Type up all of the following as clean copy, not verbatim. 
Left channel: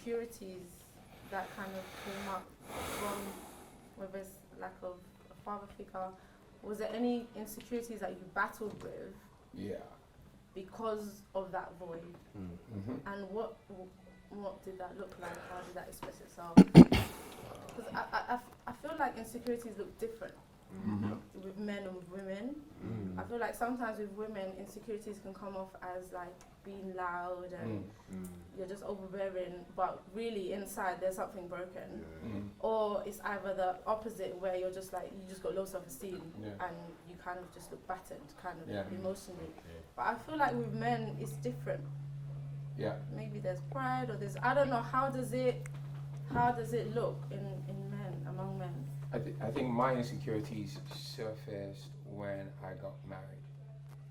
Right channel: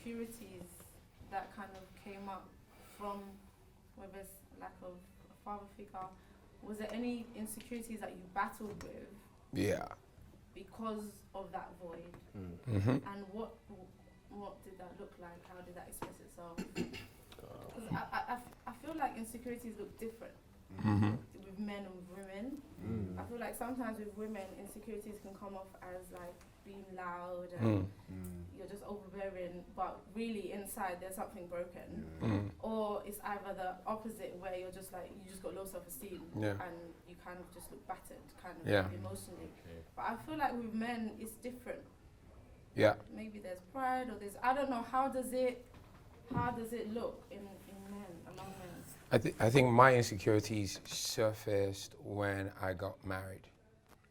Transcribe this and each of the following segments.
insecurities that kind of came up from whether it's lack of a father figure? Was there any insecurities that you battled with? Yeah. Because of that void? Mm-hmm. And what did that look like? How did that express itself? Because I feel like insecurities look different with men and with women. I feel like sometimes with women, insecurities can come off as like being loud and you're just overbearing, but really inside there's something broken. Or it's either the opposite, where you're just like, you just got low self-esteem and you kind of just look battered, kind of emotionally. But I feel like with men, it's different. Yeah. Maybe there's pride, or there's, I don't know, how does it look in men, among men? I think my insecurities surfaced when I got married.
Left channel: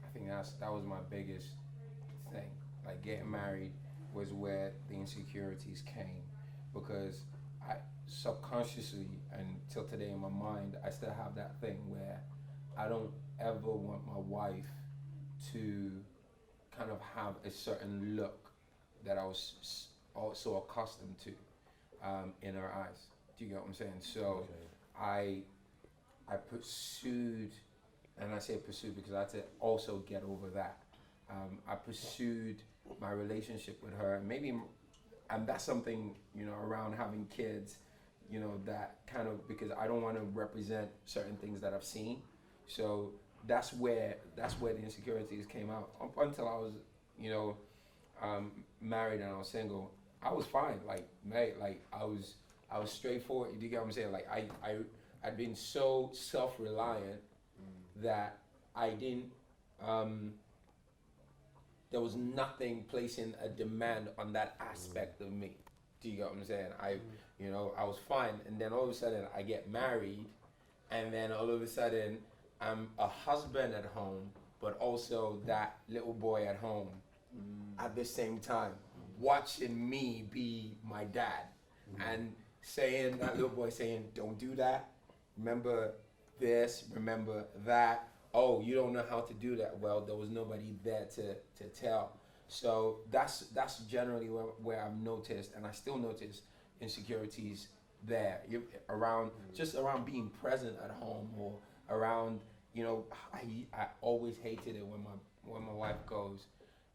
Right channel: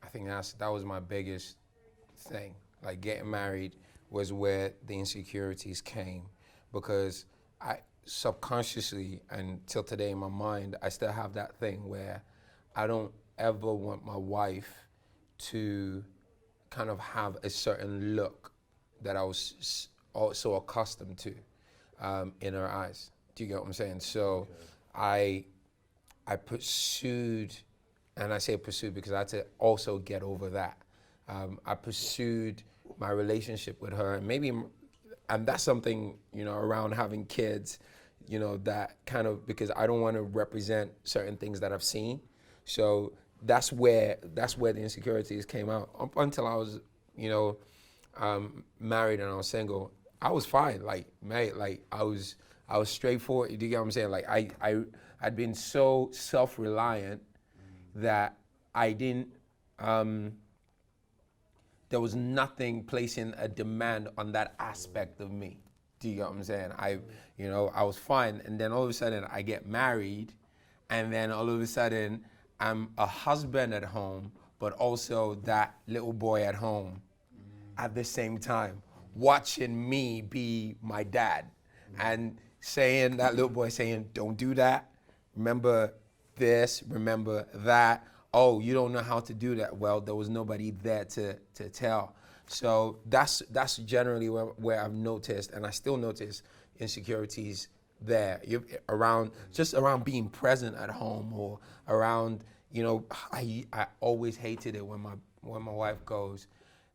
I think that was my biggest thing. Like, getting married was where the insecurities came, because I subconsciously, and till today in my mind, I still have that thing where I don't ever want my wife to kind of have a certain look that I was also accustomed to in her eyes. Do you get what I'm saying? So I pursued, and I say pursued because I had to also get over that. I pursued my relationship with her, and that's something, around having kids, that kind of, because I don't want to represent certain things that I've seen. So that's where the insecurities came out. Up until I was, married and I was single, I was fine. Like, mate, like I was straightforward. Do you get what I'm saying? Like I'd been so self-reliant that I didn't. There was nothing placing a demand on that aspect of me. Do you get what I'm saying? I was fine, and then all of a sudden I get married, and then all of a sudden I'm a husband at home, but also that little boy at home at the same time, watching me be my dad, and saying, that little boy saying, don't do that, remember this, remember that. Oh, you don't know how to do that. Well, there was nobody there to tell. So that's generally where I've noticed, and I still notice insecurities there. Just around being present at home, or around, I always hated it when my wife goes,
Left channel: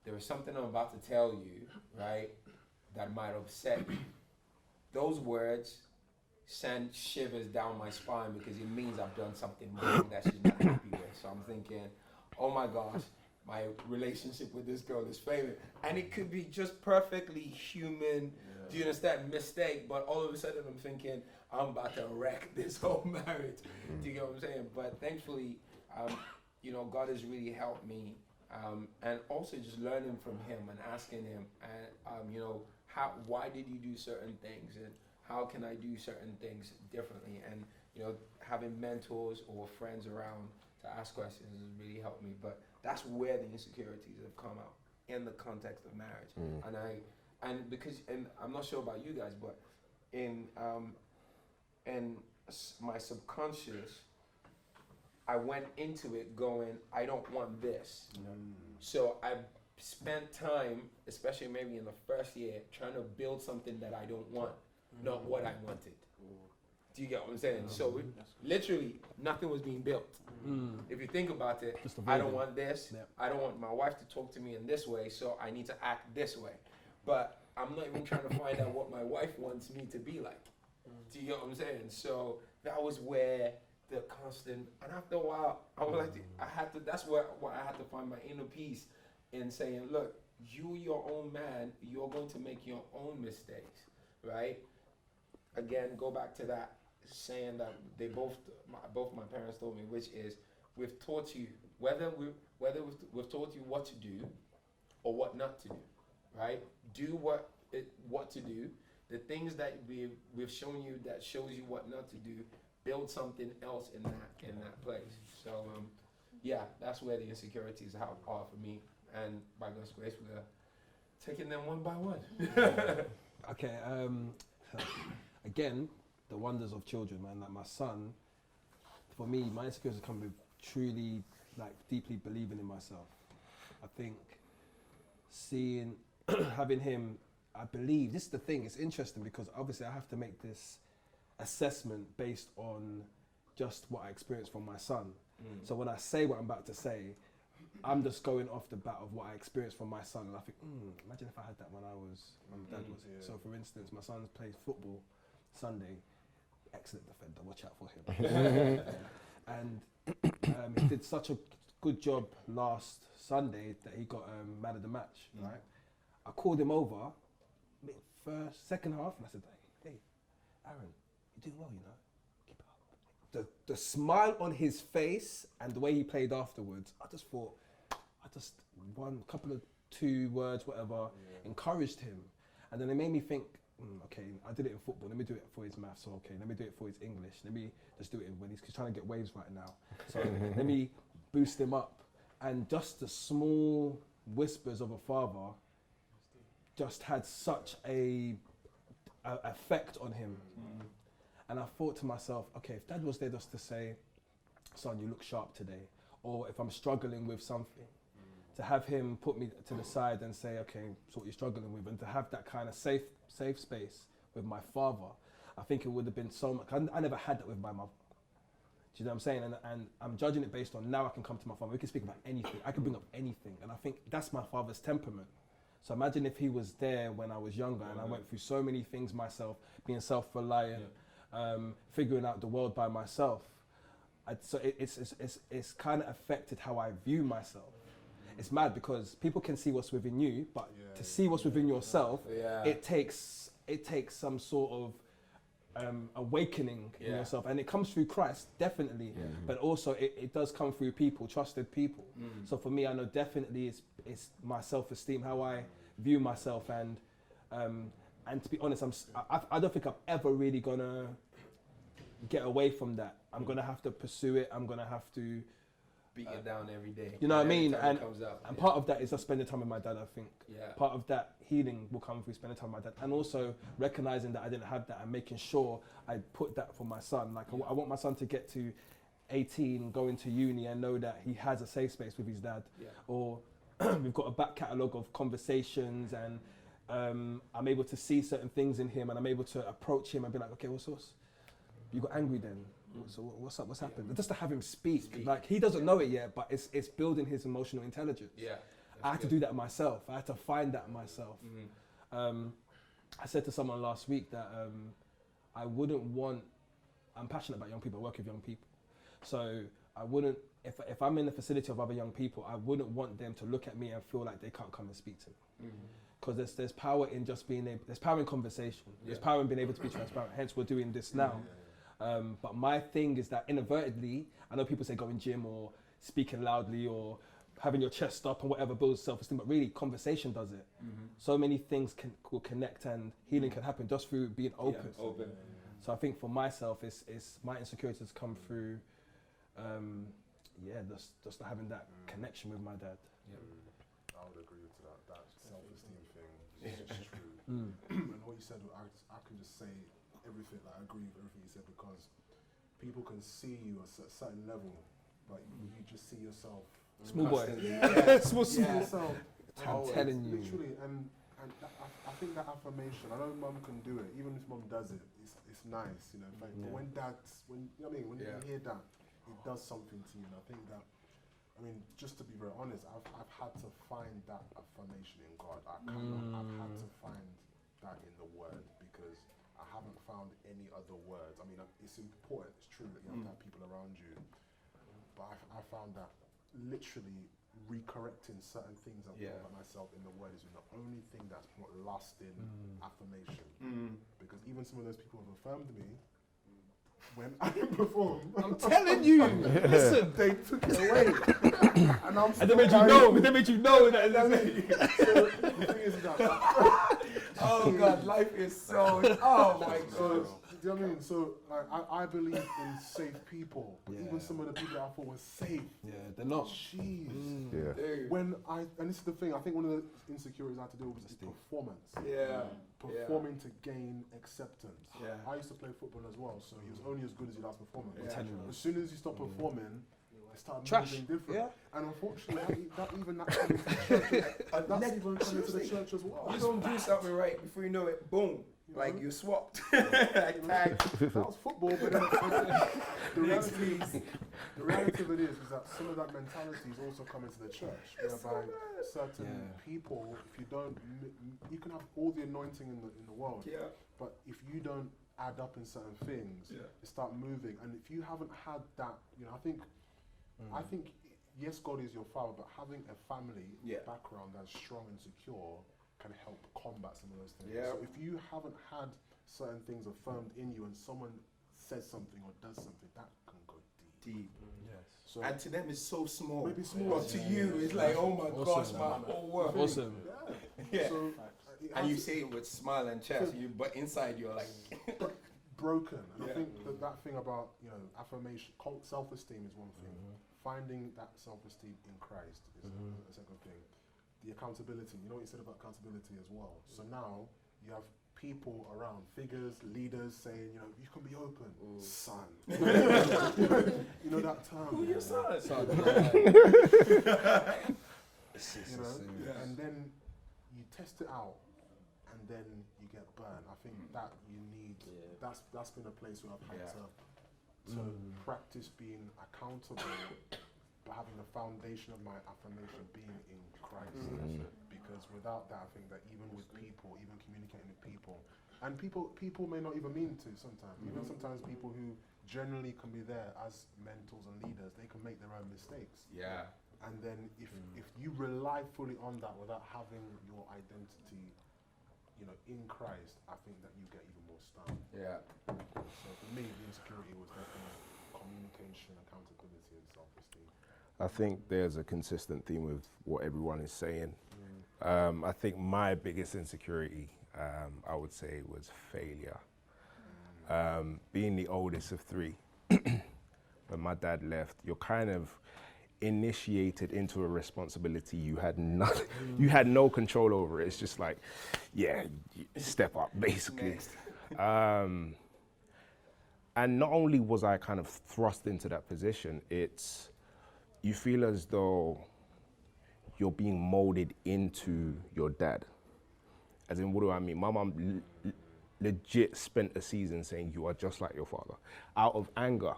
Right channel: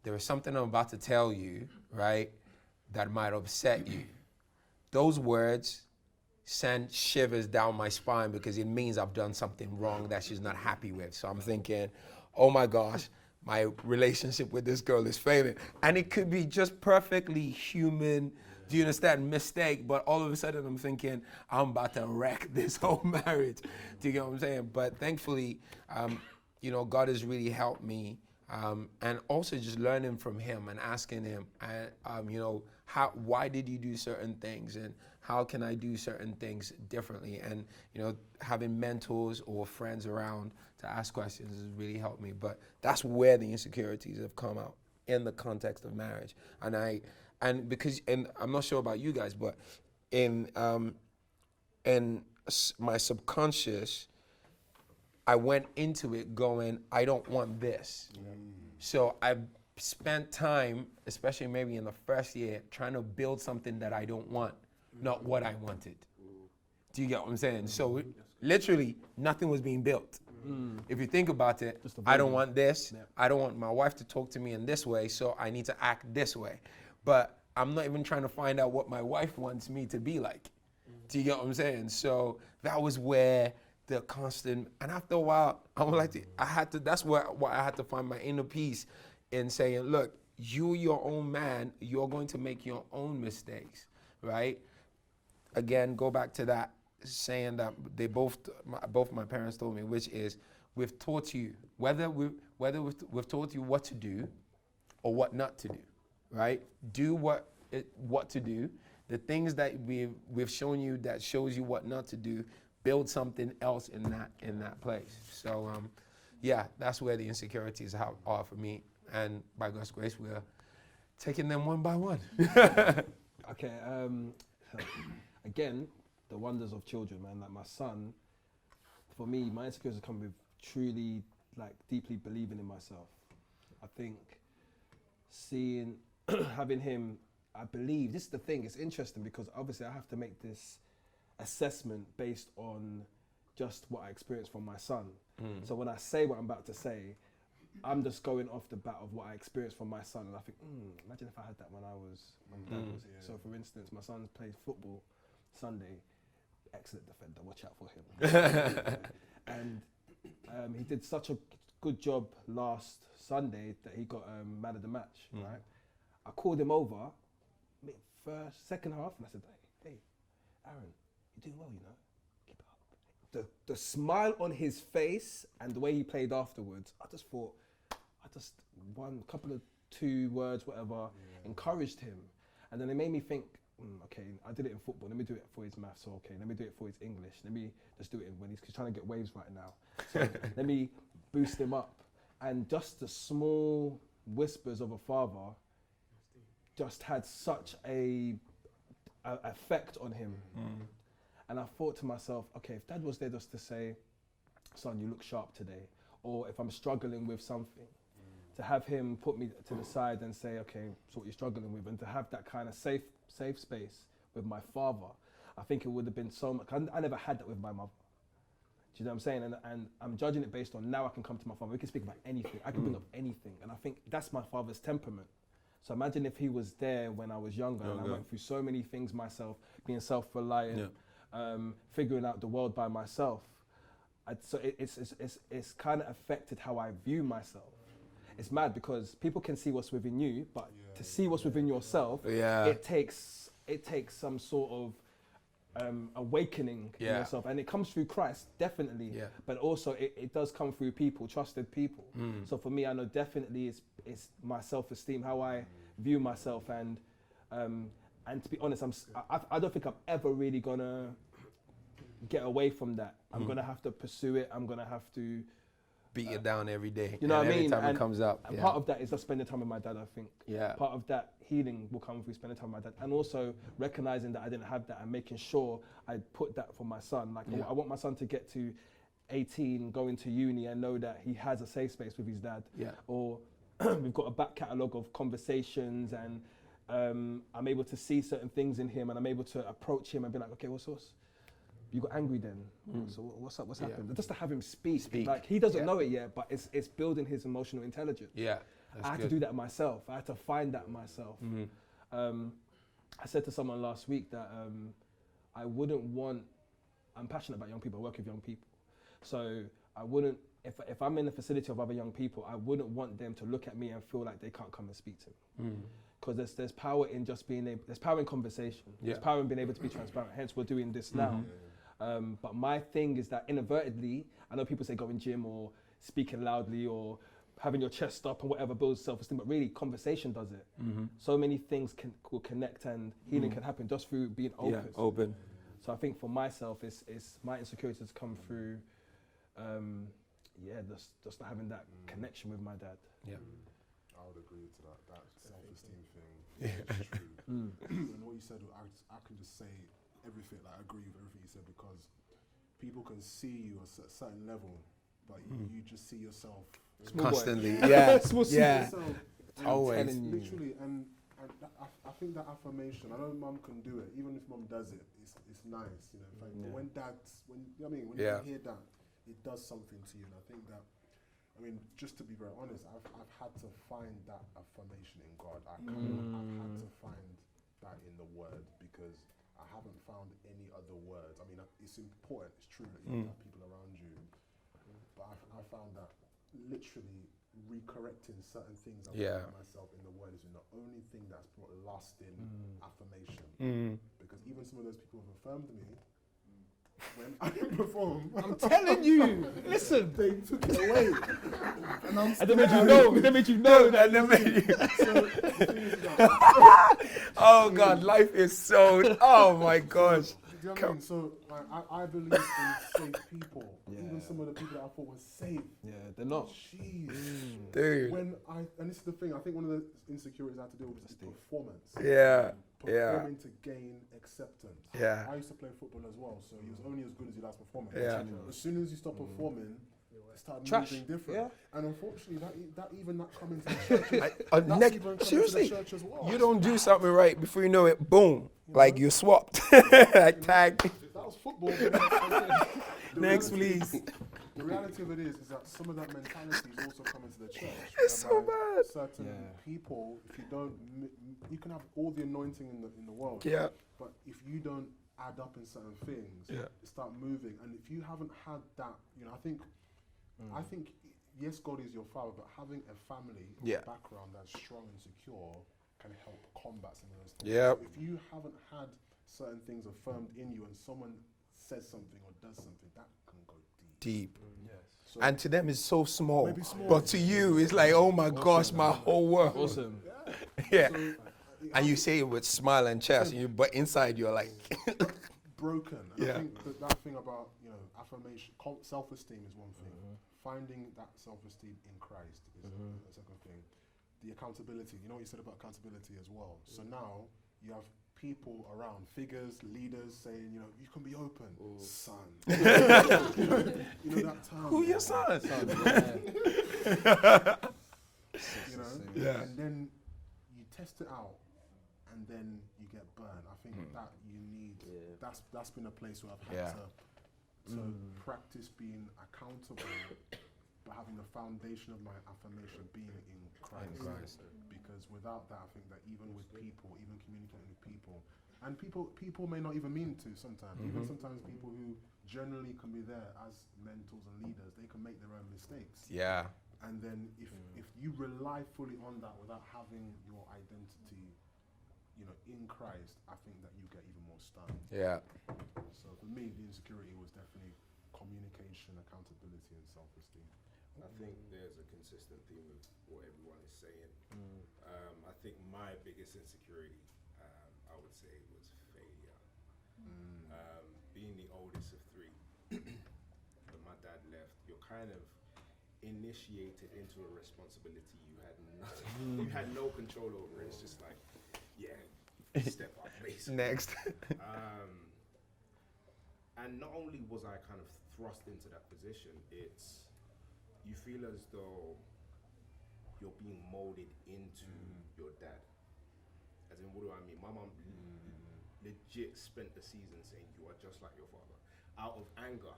there is something I'm about to tell you, right, that might upset you. Those words send shivers down my spine, because it means I've done something wrong that she's not happy with. So I'm thinking, oh my gosh, my relationship with this girl is failing. And it could be just perfectly human, do you understand, mistake, but all of a sudden I'm thinking, I'm about to wreck this whole marriage. Do you get what I'm saying? But thankfully, God has really helped me. And also just learning from him and asking him, why did you do certain things, and how can I do certain things differently? And having mentors or friends around to ask questions has really helped me. But that's where the insecurities have come out, in the context of marriage. And I'm not sure about you guys, but in my subconscious, I went into it going, I don't want this. So I spent time, especially maybe in the first year, trying to build something that I don't want, not what I wanted. Do you get what I'm saying? So literally nothing was being built. If you think about it, I don't want this. Yep. I don't want my wife to talk to me in this way, so I need to act this way. But I'm not even trying to find out what my wife wants me to be like. Do you get what I'm saying? So that was where the constant, and after a while, that's where I had to find my inner peace in saying, look, you're your own man, you're going to make your own mistakes, right? Again, go back to that saying that both my parents told me, which is, we've taught you, whether we've taught you what to do or what not to do, right? Do what to do. The things that we've shown you that shows you what not to do, build something else in that place. So that's where the insecurities are for me, and by God's grace, we're taking them one by one. Okay. Again, the wonders of children, man. Like, my son, for me, my insecurities come with truly, like, deeply believing in myself. I think having him I believe, this is the thing, it's interesting because obviously I have to make this assessment based on just what I experienced from my son. So when I say what I'm about to say, I'm just going off the bat of what I experienced from my son, and I think, imagine if I had that when my dad was here. So for instance, my son plays football Sunday, excellent defender, watch out for him. And he did such a good job last Sunday that he got man of the match, right? I called him over, second half, and I said, hey, Aaron, you're doing well, you know, keep it up. The smile on his face and the way he played afterwards, I just thought, one couple of 2 words, whatever, encouraged him. And then it made me think, okay, I did it in football, let me do it for his maths, so okay, let me do it for his English, let me just do it when he's trying to get waves right now. So let me boost him up. And just the small whispers of a father just had such a effect on him. And I thought to myself, okay, if dad was there just to say, son, you look sharp today, or if I'm struggling with something, to have him put me to the side and say, okay, so what you're struggling with, and to have that kind of safe space with my father, I think it would have been so much. I never had that with my mother. Do you know what I'm saying? And I'm judging it based on now I can come to my father, we can speak about anything, I can bring up anything, and I think that's my father's temperament. So imagine if he was there when I was younger and I went through so many things myself, being self-reliant, figuring out the world by myself. So it's kind of affected how I view myself. It's mad because people can see what's within you, but to see what's within yourself, it takes some sort of awakening in yourself, and it comes through Christ, definitely, but also it does come through people, trusted people. So for me, I know definitely it's my self-esteem, how I view myself, and to be honest, I don't think I'm ever really gonna get away from that. I'm gonna have to pursue it. I'm gonna have to beat it down every day. You know what I mean? And it comes up. And part of that is just spending time with my dad, I think. Yeah. Part of that healing will come through spending time with my dad, and also recognizing that I didn't have that and making sure I put that for my son. Like I want my son to get to 18, go into uni and know that he has a safe space with his dad. Yeah. Or we've got a back catalogue of conversations, and I'm able to see certain things in him, and I'm able to approach him and be like, okay, what's you got angry then? So what's up? What's happened? Just to have him speak. Like he doesn't know it yet, but it's building his emotional intelligence. Yeah, I had to do that myself. I had to find that myself. I said to someone last week that I wouldn't want. I'm passionate about young people. I work with young people, so I wouldn't. If I'm in the facility of other young people, I wouldn't want them to look at me and feel like they can't come and speak to me. Because there's power in just being able. There's power in conversation. There's power in being able to be transparent. Hence, we're doing this now. But my thing is that inadvertently, I know people say going gym or speaking loudly or having your chest up and whatever builds self-esteem, but really conversation does it. So many things will connect, and healing can happen just through being open. So I think for myself, it's my insecurities come through, just not having that connection with my dad. Yeah. I would agree to that self-esteem thing is true. And what you said, I can just say everything, like I agree with everything you said, because people can see you at a certain level, but you just see yourself small constantly. Small yourself. I'm telling you. Literally, and I think that affirmation, I know mum can do it, even if mum does it, it's nice, you know. But when you know what I mean, when you hear that, it does something to you. And I think that, I mean, just to be very honest, I've had to find that affirmation in God. I've had to find that in the Word, because I haven't found any other words. I mean, it's important, it's true that you have people around you, but I found that literally recorrecting certain things about myself in the Word is the only thing that's not lasting affirmation. Because even some of those people have affirmed me, when I perform, I'm telling you, listen, they took it away, and they made you know. They made you know that. So the thing is that, oh God, life is so. Oh my gosh. Do you know what I mean? So I believe in safe people. Even some of the people that I thought were safe. Yeah, they're not. Jeez. Dude. And this is the thing. I think one of the insecurities I had to deal with was performance. Performing to gain acceptance. I used to play football as well, so he was only as good as he does performing. As soon as you stop performing, They start Trash. moving different. Yeah. And unfortunately, that coming to the church, that's even coming to seriously, the church as well. you don't do something right before you know it, boom, like you're swapped. Like tag. That was football, but the Next, reality- please. The reality of it is that some of that mentality is also coming to the church. It's so whereby bad. Certain Yeah. people, if you don't, you can have all the anointing in the world. Yeah. But if you don't add up in certain things, Yeah. you start moving. And if you haven't had that, I think, yes, God is your father, but having a family background that's strong and secure can help combat some of those things. Yeah. So if you haven't had certain things affirmed in you, and someone says something or does something, that can go deep. Yes. So And to them it's so small. Maybe small. But to you it's like, oh my gosh, my whole world. Awesome. Yeah. So, And you say it with smile and chest, but inside you're like, broken. And Yeah. I think that thing about affirmation, self-esteem is one thing. Finding that self-esteem in Christ is a second thing. The accountability. You know what you said about accountability as well. So now you have people around, figures, leaders saying, you can be open, son. You know that term. who your son? Son, Yeah. And then you test it out, and then you get burned. I think that you need. That's been a place where I've had to practice being accountable, but having the foundation of my affirmation being in Christ. Because without that, I think that even with people, even communicating with people, and people may not even mean to sometimes. Even sometimes people who generally can be there as mentors and leaders, they can make their own mistakes. Yeah. And then if you rely fully on that without having your identity, in Christ, I think that you get even more stunned. Yeah. So for me, the insecurity was definitely communication, accountability, and self-esteem. I think there's a consistent theme with what everyone is saying. I think my biggest insecurity, I would say, was failure. Being the oldest of three, when my dad left, you're kind of initiated into a responsibility you had nothing, you had no control over. It's just like, step up, basically. Next. And not only was I kind of thrust into that position, you feel as though you're being molded into your dad. As in, what do I mean? My mom legit spent a season saying, you are just like your father, out of anger.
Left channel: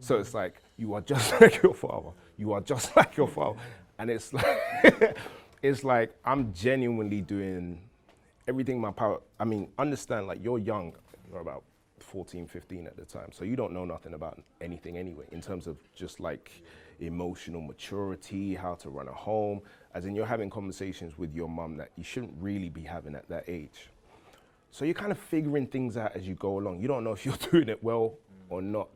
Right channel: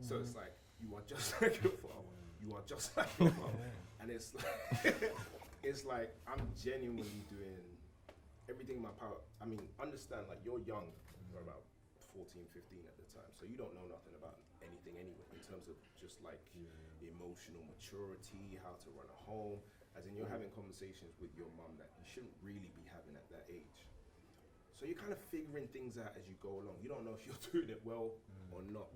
So it's like, you are just like your father. You are just like your father. And it's like, it's like I'm genuinely doing everything in my power. I mean, understand, like, you're young, you're about 14, 15 at the time. So you don't know nothing about anything anyway, in terms of just like emotional maturity, how to run a home. As in, you're having conversations with your mum that you shouldn't really be having at that age. So you're kind of figuring things out as you go along. You don't know if you're doing it well or not.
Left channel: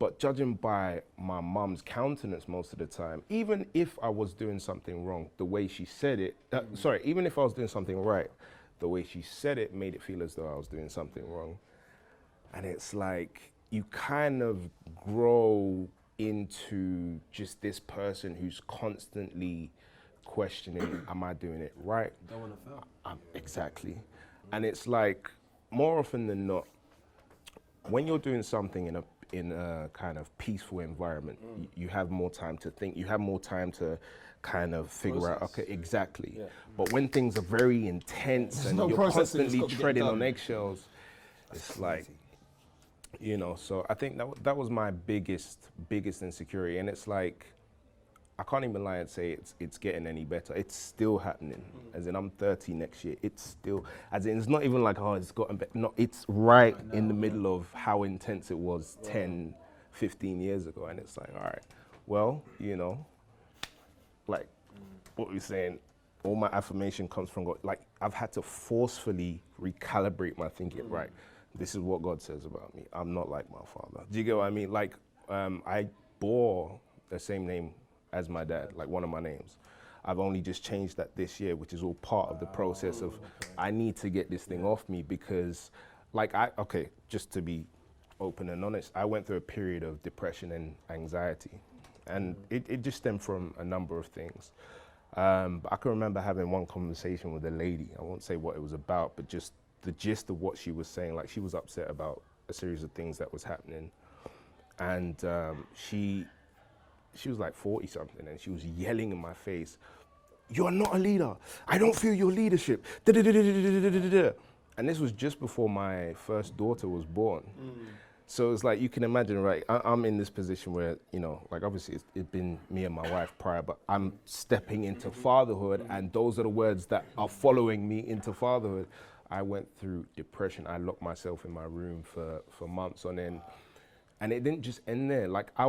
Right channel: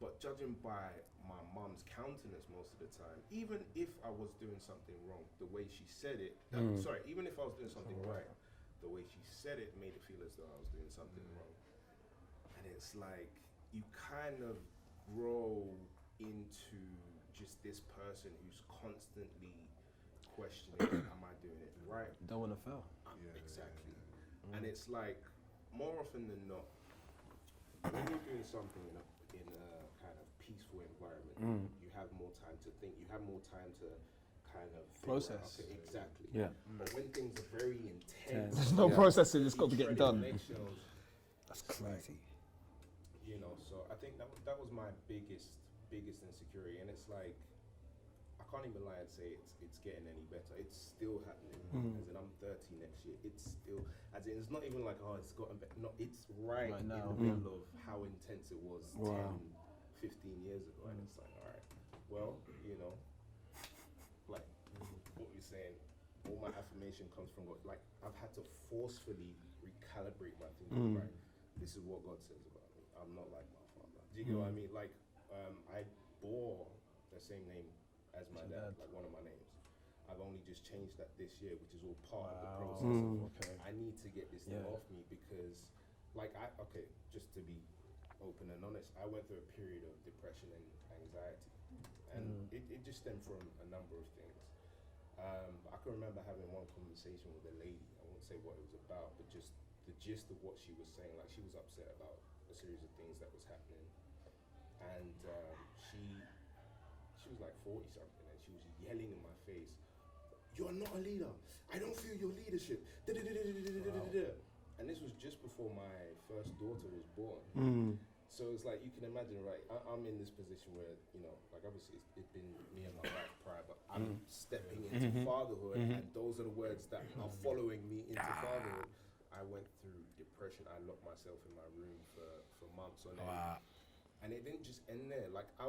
But judging by my mum's countenance most of the time, even if I was doing something wrong, the way she said it, even if I was doing something right, the way she said it made it feel as though I was doing something wrong. And it's like, you kind of grow into just this person who's constantly questioning, am I doing it right? Don't want to fail. Exactly. And it's like, more often than not, when you're doing something in a kind of peaceful environment, you have more time to think, you have more time to kind of figure out, okay, exactly. Yeah. But when things are very intense, There's and no you're processing, it's constantly got to get treading done. on eggshells, it's like, so I think that was my biggest insecurity. And it's like, I can't even lie and say it's getting any better. It's still happening. As in, I'm 30 next year. It's still, as in, it's not even like, oh, it's gotten better. No, it's right in the middle of how intense it was 10, 15 years ago. And it's like, all right, well, like what we're saying, all my affirmation comes from God. Like, I've had to forcefully recalibrate my thinking, right? This is what God says about me. I'm not like my father. Do you get what I mean? Like, I bore the same name as my dad, like one of my names. I've only just changed that this year, which is all part of the process of, I need to get this thing off me because, like, just to be open and honest, I went through a period of depression and anxiety. And it just stemmed from a number of things. But I can remember having one conversation with a lady. I won't say what it was about, but just the gist of what she was saying. Like, she was upset about a series of things that was happening. and she was like 40 something, and she was yelling in my face, "You are not a leader. I don't feel your leadership." And this was just before my first daughter was born. So it's like, you can imagine, right? I'm in this position where, you know, like obviously it's been me and my wife prior, but I'm stepping into fatherhood, and those are the words that are following me into fatherhood. I went through depression. I locked myself in my room for months on end. And it didn't just end there. Like I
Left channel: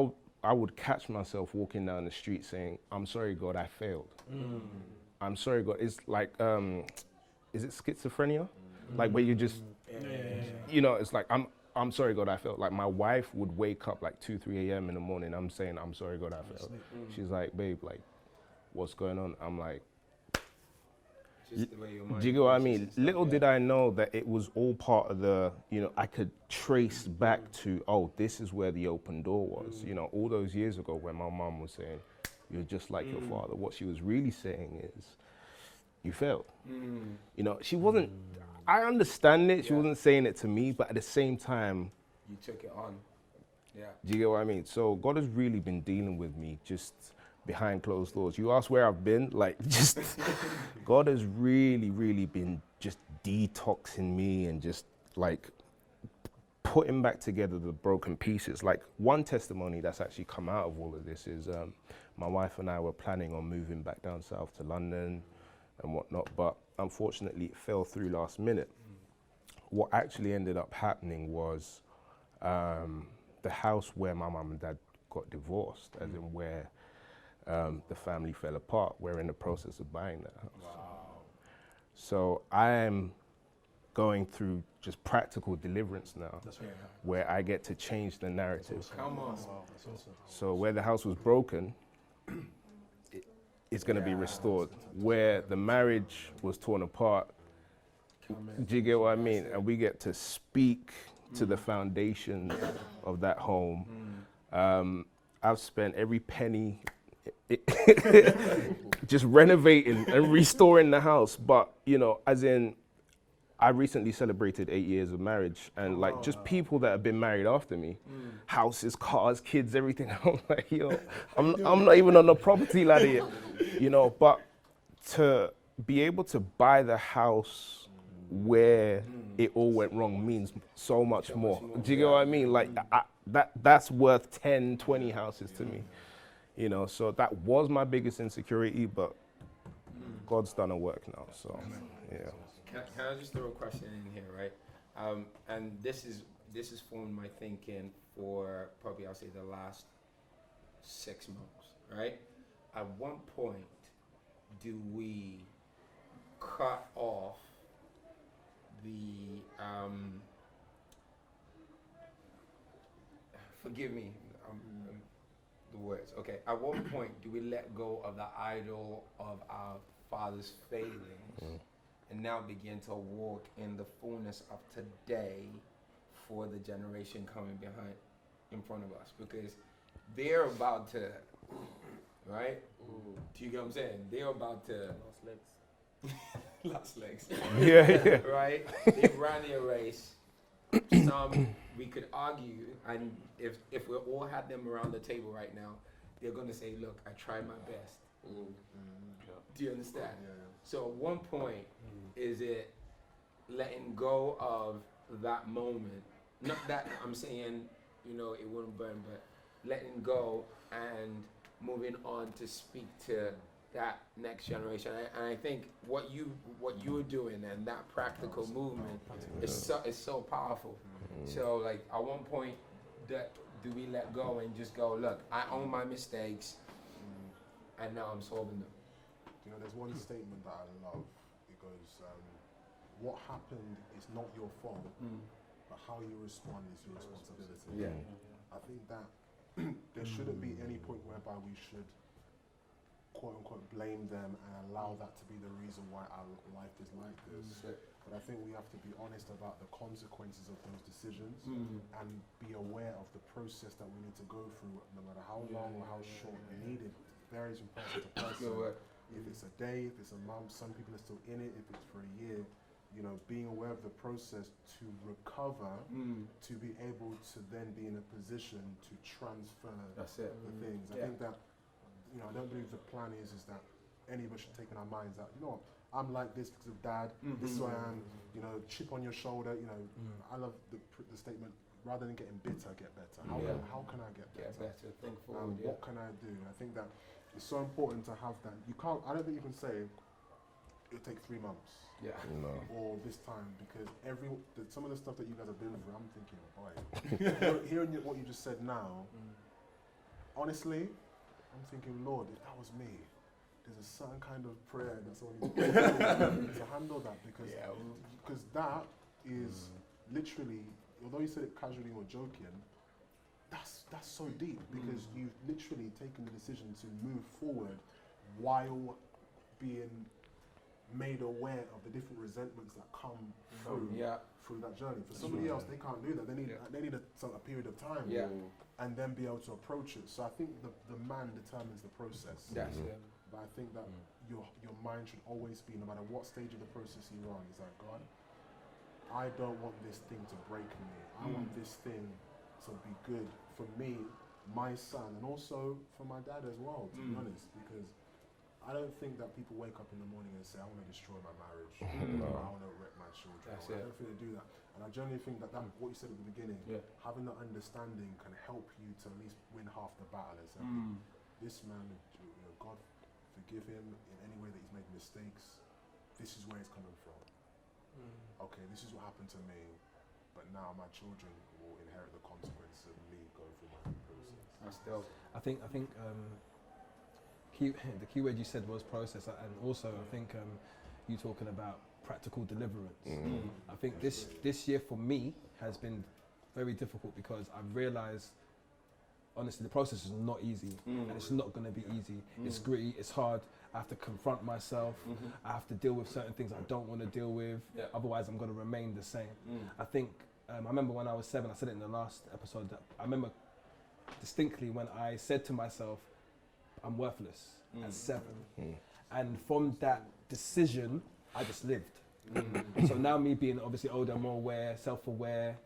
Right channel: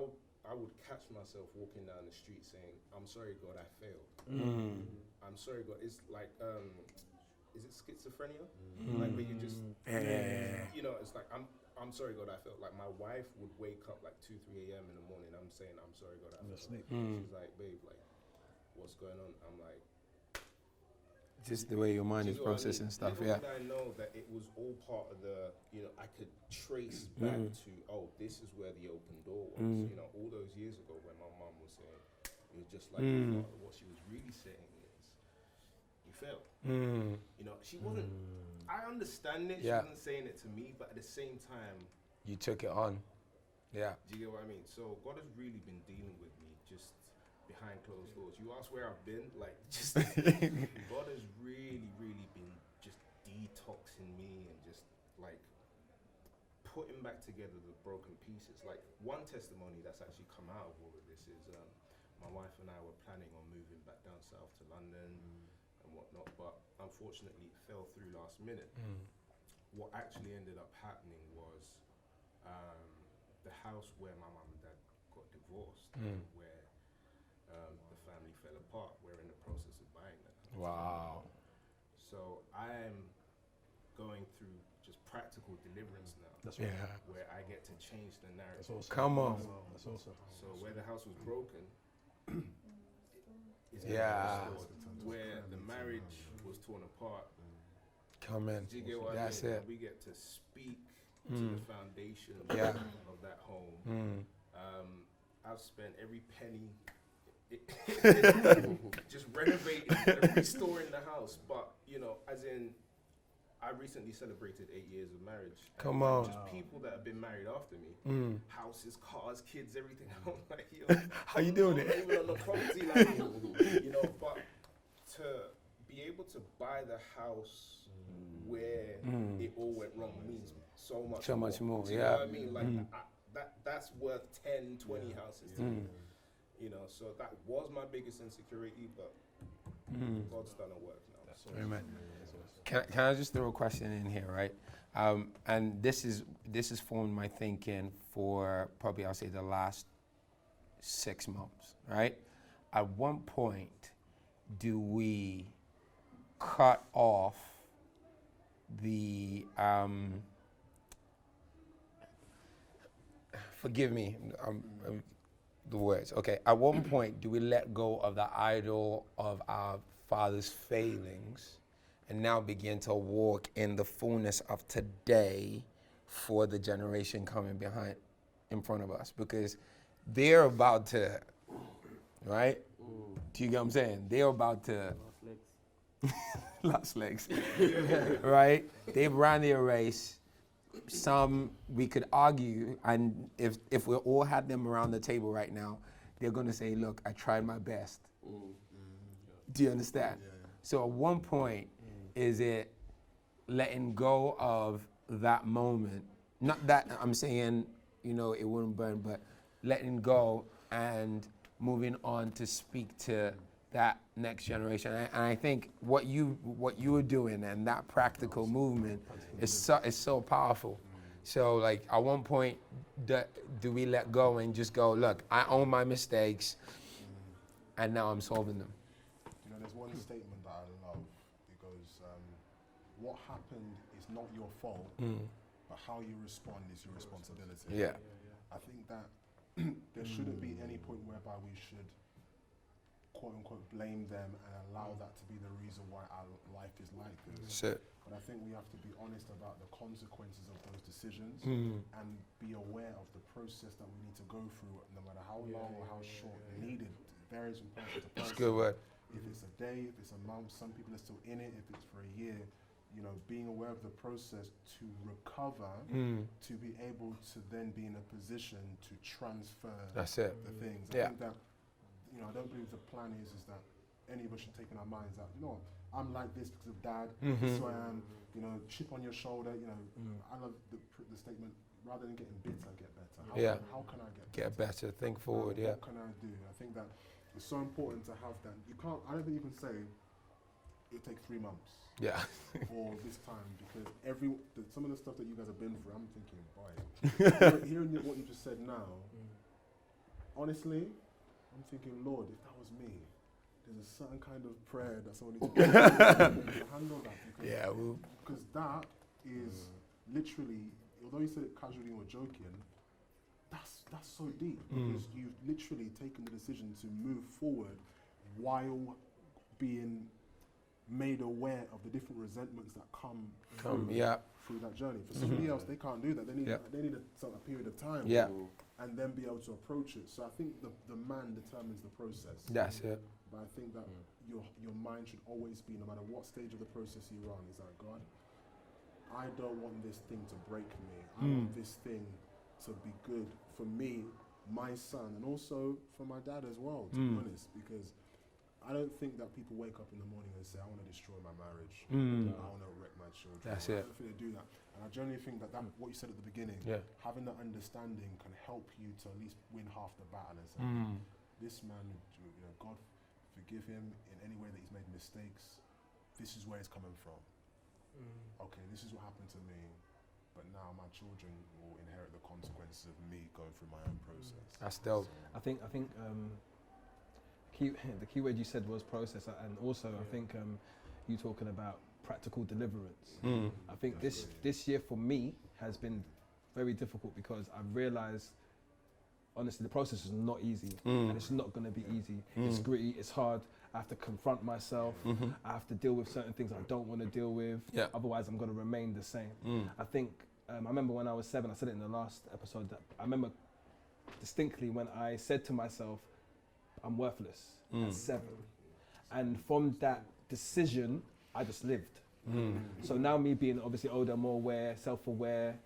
would catch myself walking down the street saying, "I'm sorry, God, I failed. I'm sorry, God." It's like, is it schizophrenia? Like where you just, you know, it's like, I'm sorry, God, I failed. Like my wife would wake up like 2, 3 a.m. in the morning. I'm saying, "I'm sorry, God, I failed." She's like, "Babe, like, what's going on?" I'm like, Just the way your mind. do you get what I mean? Little did I know that it was all part of the, you know, I could trace back to, oh, this is where the open door was. You know, all those years ago when my mom was saying, "You're just like your father," what she was really saying is, you failed. You know, she wasn't, I understand it, she wasn't saying it to me, but at the same time, You took it on. Yeah. do you get what I mean? So God has really been dealing with me just behind closed doors. You ask where I've been, like, just God has really, really been just detoxing me and just like putting back together the broken pieces. Like one testimony that's actually come out of all of this is my wife and I were planning on moving back down south to London and whatnot, but unfortunately it fell through last minute. What actually ended up happening was the house where my mum and dad got divorced, as in where the family fell apart, we're in the process of buying that house. Wow. So I am going through just practical deliverance now, where I get to change the narrative. Awesome. Come on. That's awesome. So where the house was broken, it's going to be restored. Where the marriage was torn apart, Come in. do you get what I That's mean? it. And we get to speak to the foundation of that home. I've spent every penny just renovating and restoring the house. But, you know, as in, I recently celebrated 8 years of marriage, and Come like on. just people that have been married after me, houses, cars, kids, everything. I'm like, yo, I'm not even on the property ladder yet, you know. But to be able to buy the house where it all went wrong means so much more. Do you get what I mean? Like that's worth 10, 20 houses to me, you know. So that was my biggest insecurity, but God's done a work now. So yeah. Can I just throw a question in here, right? And this is formed my thinking for probably, I'll say, the last 6 months, right? At one point, do we cut off the forgive me, the words. Okay, at one point, do we let go of the idol of our father's failings and now begin to walk in the fullness of today for the generation coming behind, in front of us? Because they're about to, right? Do you get what I'm saying? They're about to lost legs. Yeah. Right? They've ran their race. Some we could argue, and if we all had them around the table right now, they're gonna say, "Look, I tried my best." Do you understand? So at one point, is it letting go of that moment? Not that I'm saying, you know, it wouldn't burn, but letting go and moving on to speak to that next generation. And I think what you were doing and that practical movement is so powerful. So like at one point, do we let go and just go, look, I own my mistakes, and now I'm solving them? You know, there's one statement that I love. It goes, what happened is not your fault, but how you respond is your responsibility. Yeah. I think that there shouldn't be any point whereby we should quote unquote blame them and allow that to be the reason why our life is like this. Shit. But I think we have to be honest about the consequences of those decisions and be aware of the process that we need to go through, no matter how long or how short needed. It varies from person to person. That's a good word. If it's a day, if it's a month, some people are still in it. If it's for a year, you know, being aware of the process to recover, to be able to then be in a position to transfer That's it. the things. I Yeah. think that, I don't believe the plan is that any of us should take in our minds that, I'm like this because of dad, this is who I am, chip on your shoulder, I love the statement, rather than getting bitter, get better. How can I get better? Think forward, What can I do? I think that it's so important to have that. I don't think you can say, it take 3 months. Yeah. Or this time, because some of the stuff that you guys have been through, I'm thinking, boy, hearing what you just said now, honestly, I'm thinking, Lord, if that was me, there's a certain kind of prayer that someone needs to handle that, because that is literally, although you said it casually or joking, that's so deep, because you've literally taken the decision to move forward while being made aware of the different resentments that come through that journey. For somebody else, they can't do that. They need a period of time and then be able to approach it. So I think the man determines the process. That's it. But I think that your mind should always be, no matter what stage of the process you're on, is that, God, I don't want this thing to break me. I want this thing to be good for me, my son, and also for my dad as well, to be honest, because I don't think that people wake up in the morning and say, I want to destroy my marriage, I want to wreck my children. That's I it. don't think they do that. And I generally think that what you said at the beginning, having that understanding can help you to at least win half the battle and say, this man, God forgive him in any way that he's made mistakes. This is where it's coming from. Okay, this is what happened to me, but now my children will inherit the consequences of me going through my own process. That's dope. I think the key word you said was process, and also I think you talking about practical deliverance. I think this year for me has been very difficult because I've realised, honestly, the process is not easy, and it's not going to be easy. It's gritty, it's hard. I have to confront myself. I have to deal with certain things I don't want to deal with. Otherwise, I'm going to remain the same. I think I remember when I was 7. I said it in the last episode. That I remember distinctly when I said to myself, I'm worthless at 7. And from that decision, I just lived. So now me being obviously older, more aware, self-aware,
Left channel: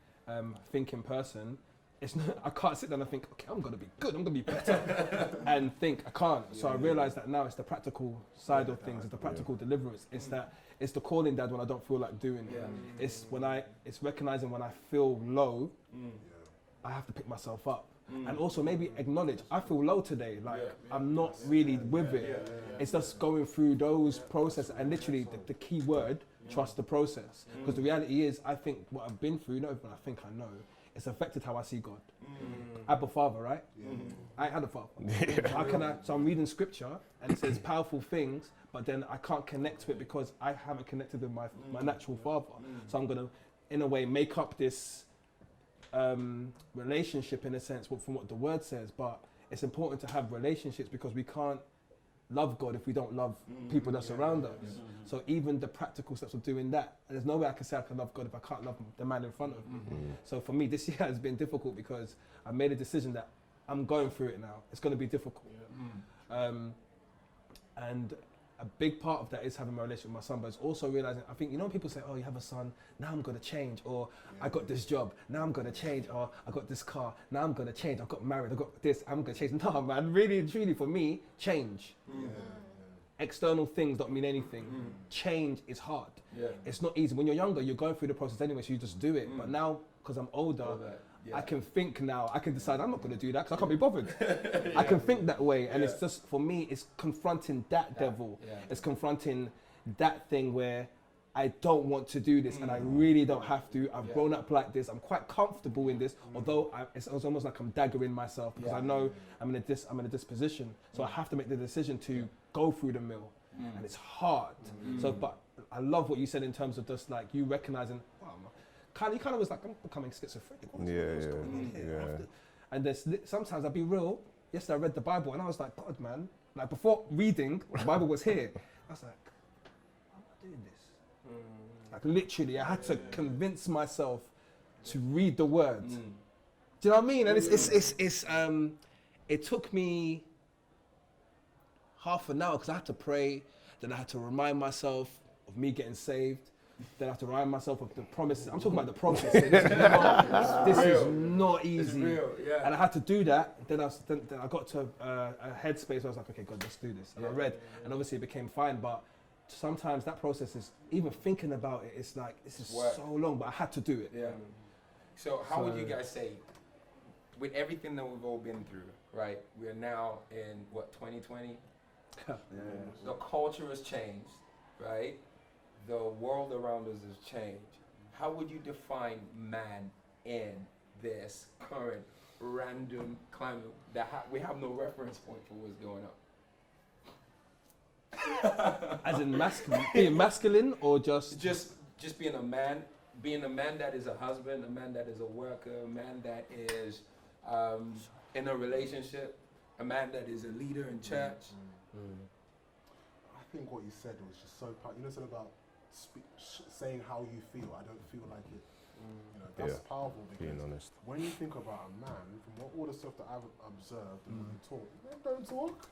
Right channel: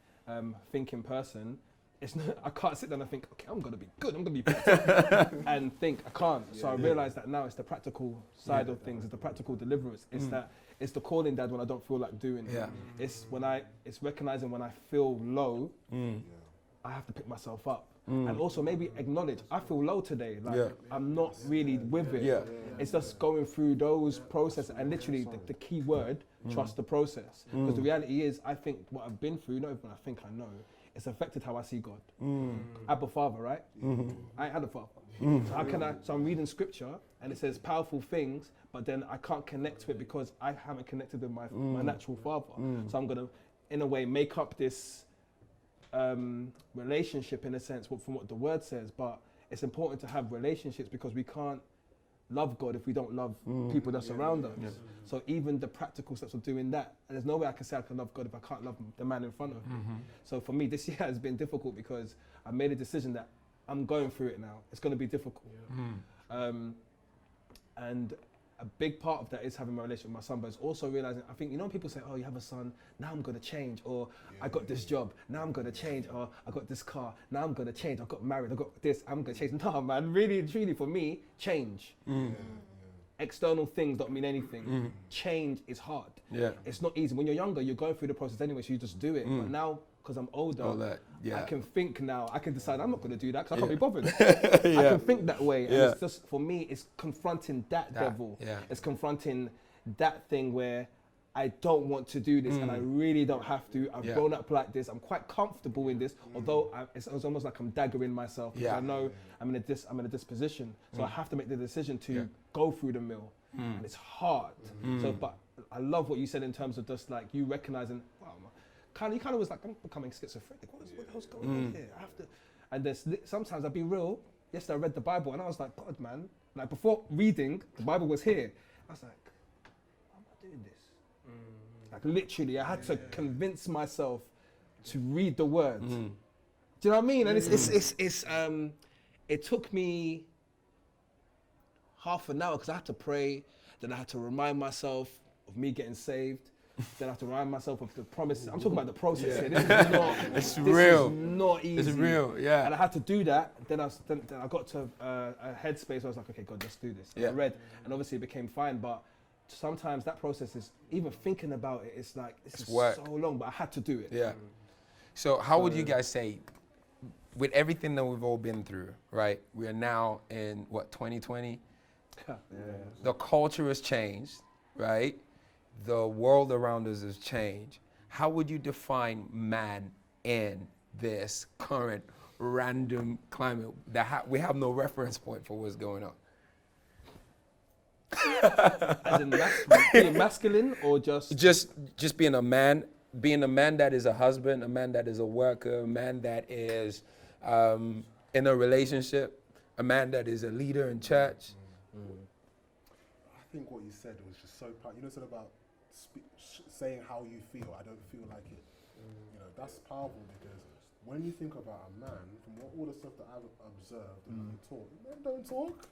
thinking person, it's not, I can't sit down and think, okay, I'm going to be good, I'm going to be better, and think, I can't. So I realise that now it's the practical side of things, it's the practical deliverance. It's it's the calling dad when I don't feel like doing it. It's recognising when I feel low, I have to pick myself up. And also maybe acknowledge, I feel low today, like I'm not really with it. It's just going through those processes, and literally the key word, trust the process. Because the reality is, I think what I've been through, not even I think I know, it's affected how I see God. Abba Father, right? I had a father. How can I? So I'm reading scripture and it says powerful things, but then I can't connect to it because I haven't connected with my natural father. So I'm gonna, in a way, make up this relationship in a sense from what the word says. But it's important to have relationships because we can't love God if we don't love people that surround us. So even the practical steps of doing that, and there's no way I can say I can love God if I can't love the man in front of me. So for me, this year has been difficult because I made a decision that I'm going through it now. It's going to be difficult. And a big part of that is having my relationship with my son, but it's also realizing, I think, when people say, oh, you have a son, now I'm going to change, or I got this job, now I'm going to change, or I got this car, now I'm going to change, I got married, I got this, I'm going to change. No, man, really and truly for me, change. External things don't mean anything. Change is hard. It's not easy. When you're younger, you're going through the process anyway, so you just do it. But now, because I'm older, I can think now, I can decide I'm not going to do that because I can't be bothered. I can think that way. And it's just, for me, it's confronting that devil. It's confronting that thing where I don't want to do this and I really don't have to. I've grown up like this. I'm quite comfortable in this, although it's almost like I'm daggering myself because I know I'm in a disposition. So I have to make the decision to go through the mill. And it's hard. So, but I love what you said in terms of just like you recognizing, wow, you kind of was like, I'm becoming schizophrenic. What's going on here? And there's sometimes I'll be real. Yesterday I read the Bible and I was like, God, man. Like before reading, the Bible was here. I was like, why am I doing this? Like literally, I had to convince myself to read the word. Do you know what I mean? And it took me half an hour because I had to pray. Then I had to remind myself of me getting saved. Then I have to remind myself of the promises. I'm talking about the process here. This is not easy. It's real, yeah. And I had to do that. Then I got to a headspace where I was like, okay, God, let's do this. And I read, and obviously it became fine. But sometimes that process is, even thinking about it, it's like, this is work. so long, but I had to do it. Yeah. So how would you guys say, with everything that we've all been through, right? We are now in, 2020? The culture has changed, right? The world around us has changed. How would you define man in this current random climate that we have no reference point for what's going on? As in being masculine or just being a man that is a husband, a man that is a worker, a man that is in a relationship, a man that is a leader in church. I think what you said was just so you know, said about saying how you feel. I don't feel like it. You know, that's powerful because when you think about a man, from all the stuff that I've observed and what you talk, men don't talk.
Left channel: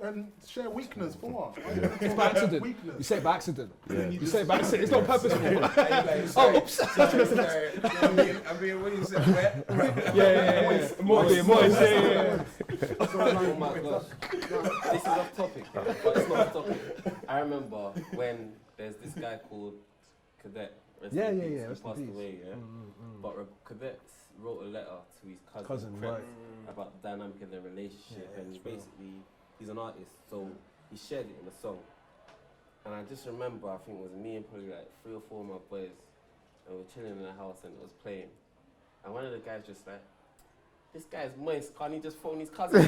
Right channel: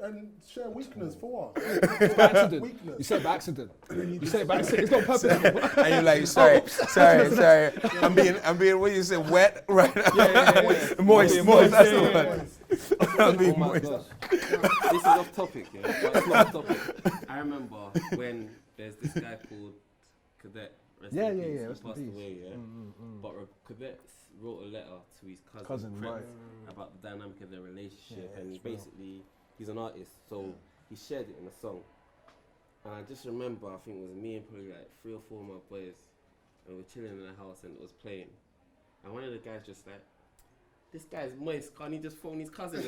And share weakness for what? It's by accident. Weakness. You say it by accident. You say it by accident. It's not purposeful. And you're like, sorry. I'm being, what you said, wet? Right. Yeah. Moist. Yeah. Oh my gosh. This is off topic, but it's not off topic. I remember when there's this guy called Cadet. Yeah. He Rest in passed peace. away, But Cadet wrote a letter to his cousin Right. about the dynamic of their relationship, Yeah, and it's real. basically he's an artist, so he shared it in a song. And I just remember, I think it was me and probably like 3 or 4 of my boys, and we were chilling in the house and it was playing. And one of the guys just like, this guy's moist, can't he just phone his cousin?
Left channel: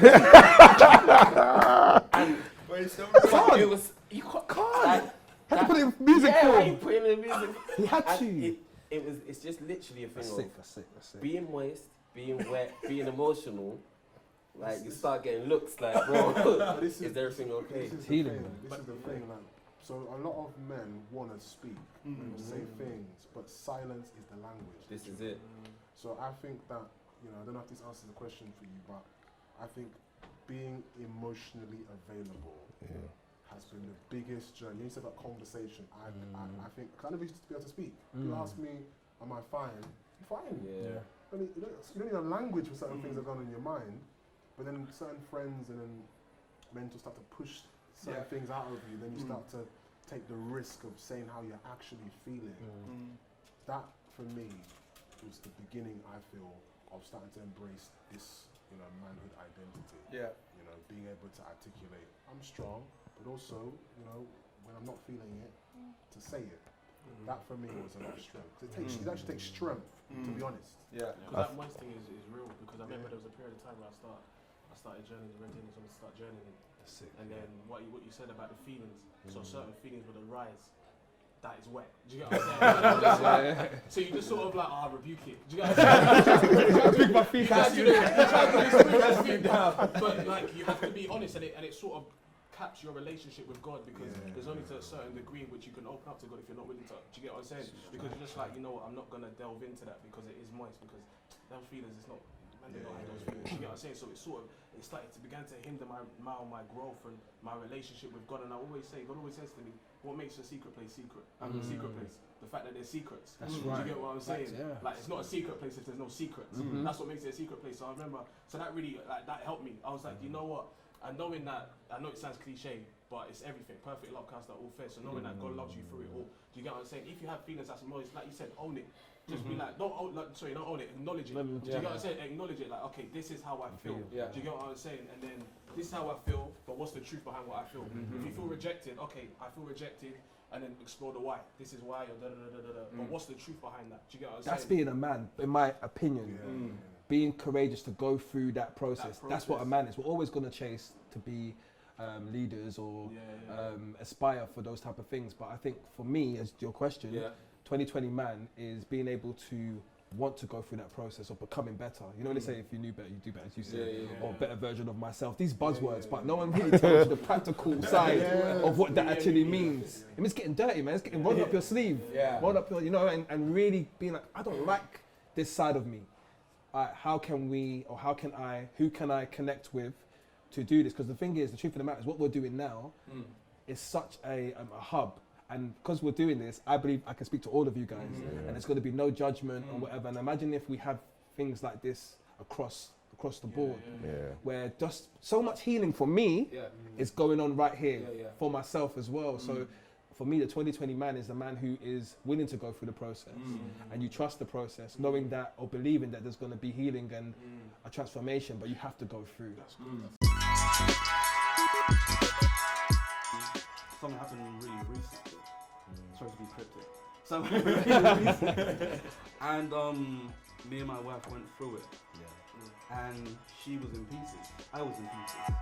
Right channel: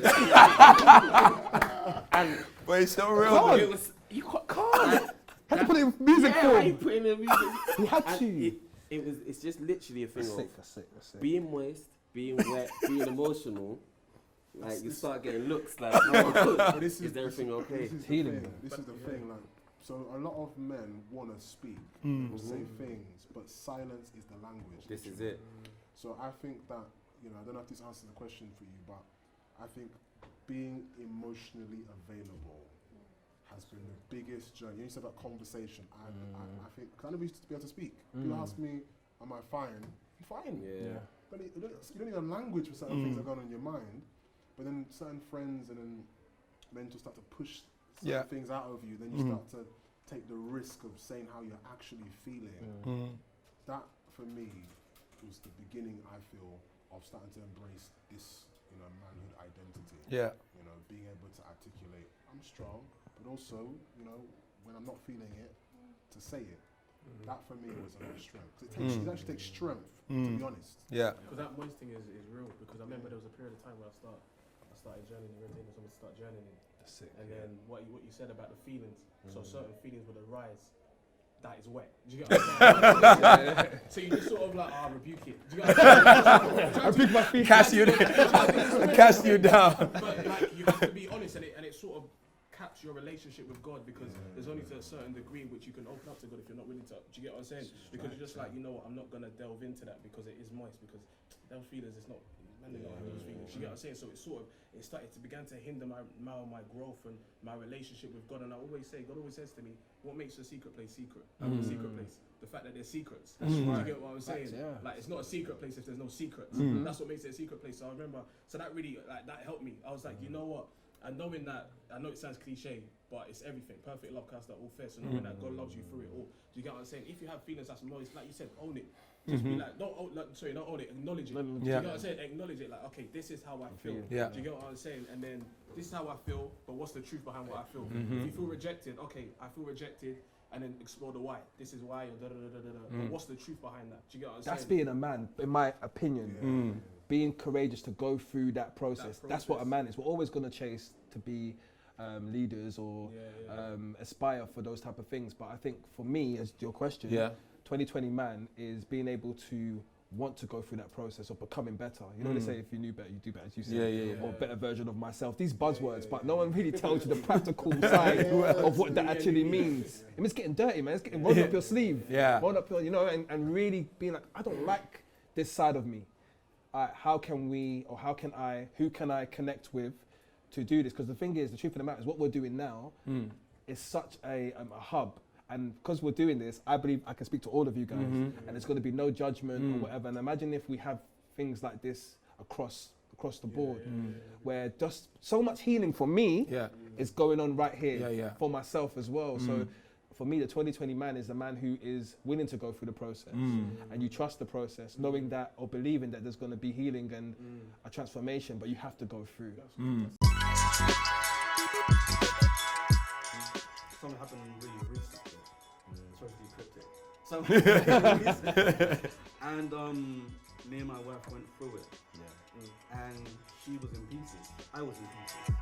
And but it's so real. it was, you can't. Had to put it in music form. He put it in the music. He had And to. It's just literally a thing That's of it. being moist, being wet, being emotional. Like you start getting looks like, bro, is everything okay? This is Healing, the thing. man. This is the thing. Like, so a lot of men want to speak, say things, but silence is the language. This is literally. it. So I think that, I don't know if this answers the question for you, but I think being emotionally available has been the biggest journey. You said that conversation. I think, because I never used to be able to speak. You ask me, am I fine? I'm fine. Yeah. You don't need a language for certain things that are going on in your mind, but then certain friends and then men to start to push certain things out of you, then you start to take the risk of saying how you're actually feeling. That, for me, was the beginning, I feel, of starting to embrace this, manhood identity. Yeah. Being able to articulate, I'm strong, but also, when I'm not feeling it, to say it. That for me was a lot of strength. It actually takes strength, to be honest. Yeah. Because that moist thing is real. Because I remember there was a period of time where I started journaling, renting someone to start journaling. That's it. And then what you said about the feelings, so certain feelings would arise. That is wet. Do you get what I'm saying? So you just sort of like, rebuke it. Do you get what I'm saying? I pick my feet. Cast you down. But like, you have to be honest, and it sort of caps your relationship with God, because there's only to a certain degree which you can open up to God if you're not willing to. Do you get what I'm saying? Because you're just like, you know what, I'm not gonna delve into that because it is moist, because them feelings, it's not. Do you get what I'm saying? So it began to hinder my growth and my relationship with God. And I always say, God always says to me, what makes a secret place secret? I'm a secret place. The fact that there's secrets. That's right. Do you get what I'm saying? Like, it's not a secret place if there's no secrets. That's what makes it a secret place. So I remember, that really, that helped me. I was like, you know what? And knowing that, I know it sounds cliche, but it's everything. Perfect love casts out all fear. So knowing that God loves you through it all. Do you get what I'm saying? If you have feelings that's moist, like you said, own it. Just be like, don't own it, acknowledge it. Do you get what I'm saying? Acknowledge it, like, okay, this is how I feel. Yeah. Do you get what I'm saying? And then, this is how I feel, but what's the truth behind what I feel? If you feel rejected, okay, I feel rejected, and then explore the why. This is why, or But what's the truth behind that? Do you get what I'm saying? That's being a man, in my opinion. Being courageous to go through that process. That's what a man is. We're always going to chase to be leaders or aspire for those type of things. But I think for me, as your question, 2020 man is being able to want to go through that process of becoming better. You know, they say if you knew better, you do better, as you say, or better version of myself. These buzzwords, but no one really tells you the practical side of what that actually means. It means getting dirty, man. It's getting rolling up your sleeve, roll up your, and really being like, I don't like this side of me. How can we, or how can I, who can I connect with to do this? Because the thing is, the truth of the matter is, what we're doing now is such a hub And because we're doing this, I believe I can speak to all of you guys, and there's going to be no judgment or whatever. And imagine if we have things like this across the board, where just so much healing for me is going on right here for myself as well. So for me, the 2020 man is the man who is willing to go through the process, and you trust the process, knowing that or believing that there's going to be healing and a transformation, but you have to go through. Something happened really recently. Sorry to be cryptic. Something happened really recently. And me and my wife went through it. And she was in pieces. I was in pieces.